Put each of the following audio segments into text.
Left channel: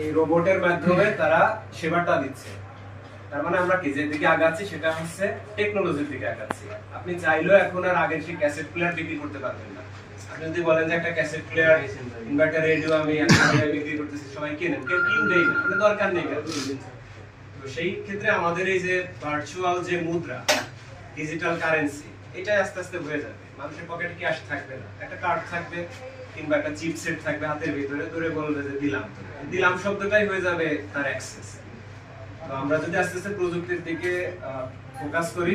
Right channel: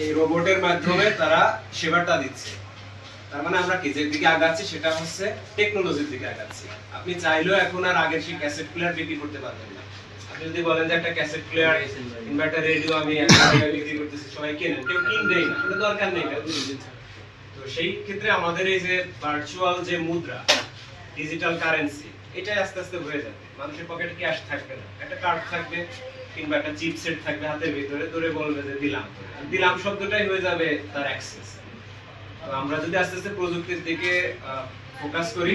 এই রোবটের মাধ্যমে তারা সেবাটা দিচ্ছে। তার মানে আমরা কি যে দিকে আগাচ্ছি সেটা হচ্ছে টেকনোলজির দিকে আগাচ্ছি। আপনি চাইলেও এখন আর আগের সেই ক্যাসেট প্লেয়ার বিক্রি করতে পারবেন না। আপনি যদি বলেন যে একটা ক্যাসেট প্লেয়ার, ইনভার্টার, রেডিও আমি বিক্রি করতেছি, সবাই কেনেন, কেউ কিনবেই না, ওটা দরকার নেই। তো সেই ক্ষেত্রে আমাদের এই যে ভার্চুয়াল যে মুদ্রা, ডিজিটাল কারেন্সি, এটাই আস্তে আস্তে হয়ে যাবে। মানুষের পকেটে ক্যাশ থাকবে না, একটা কার্ড থাকবে কিংবা একটা চিপ সেট থাকবে হাতের ভিতরে, ধরে বলবে যে দিলাম। দিলাম শব্দটাই হয়ে যাবে তার অ্যাক্সেস। তো আমরা যদি আস্তে আস্তে প্রযুক্তির দিকে ফোকাস করি,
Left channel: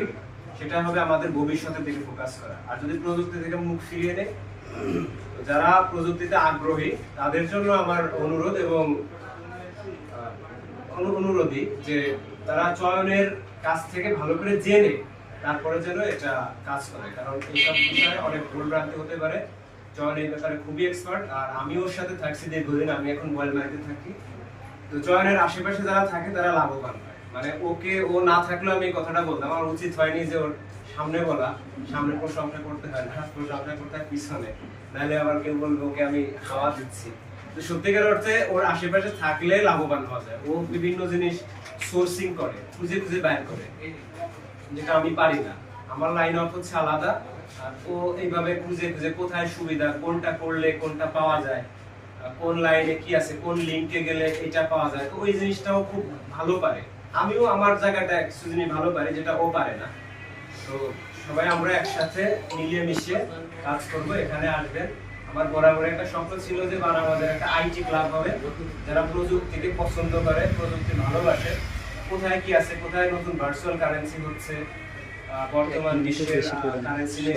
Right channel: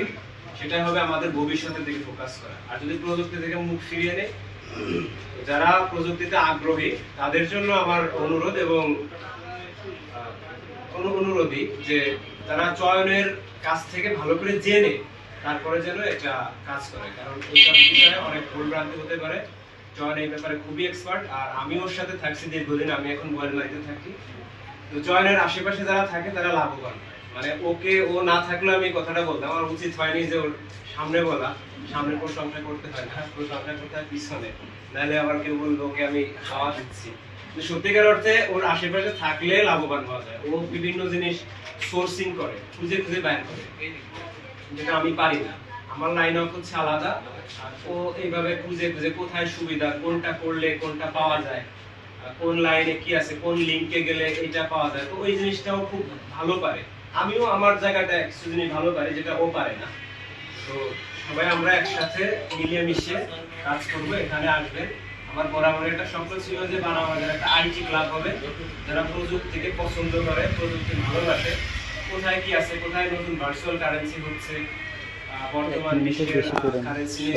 সেটা হবে আমাদের ভবিষ্যতের দিকে ফোকাস করা। আর যদি প্রযুক্তি থেকে মুখ ফিরিয়ে নেই, যারা প্রযুক্তিতে আগ্রহী তাদের জন্য আমার অনুরোধ এবং অনুরোধী যে তারা চয়নের কাছ থেকে ভালো করে জেনে তারপরে যেন এটা কাজ করে, কারণ এইসব বিষয়ে অনেক ভুলভ্রান্তি হতে পারে। চয়ন এই ব্যাপারে খুবই এক্সপার্ট, আর আমি ওর সাথে থাকছি দীর্ঘদিন, আমি এখন মোবাইল মার্কেটে থাকি। তো চয়নের আশেপাশে যারা থাকে তারা লাভবান হয়। মানে ওকে ও না থাকলে আমি কথাটা বলতাম, আমার উচিত হয়নি যে ওর সামনে বলা, সামনের প্রশংসা করতে হয় না, প্রশংসা করতে হয় পিছনে, নাহলে আবার কেউ বলবে ওকে আমি খাওয়া দিচ্ছি। তো সত্যিকার অর্থে ওর আশেপাশে থাকলে লাভবান হওয়া যায়। ও বিভিন্ন জিনিস সোর্সিং করে, খুঁজে খুঁজে বাইর করে, যেটা আমি পারি না। আমার লাইন আপ হচ্ছে আলাদা, আর ও এইভাবে খুঁজে খুঁজে কোথায় সুবিধা, কোনটা করলে কোনটা পাওয়া যায়, কোন লাইনে কি আছে, কোন লিংকে গেলে এটা পাওয়া যায়, তো ওই জিনিসটাও খুব ভালো পারে। আমিও আমার জায়গাটা কিছু জিনিস ভালো পারি যেটা ও পারে না। তো সবাই আমরা একসাথে মিলিয়ে মিশিয়ে কাজ করব। এখানে আসবেন। আমার বরাবর একটা স্বপ্ন ছিল যে বানাবাদের একটা আইটি ক্লাব হবে, যারা প্রযুক্তিকে পছন্দ করে, প্রযুক্তি ভালোবাসে, কোথায় কি আছে, কোথায় নতুন ভার্চুয়াল কারেন্সি হচ্ছে, বর্তমান বিশ্বের কারেন্সি নিয়ে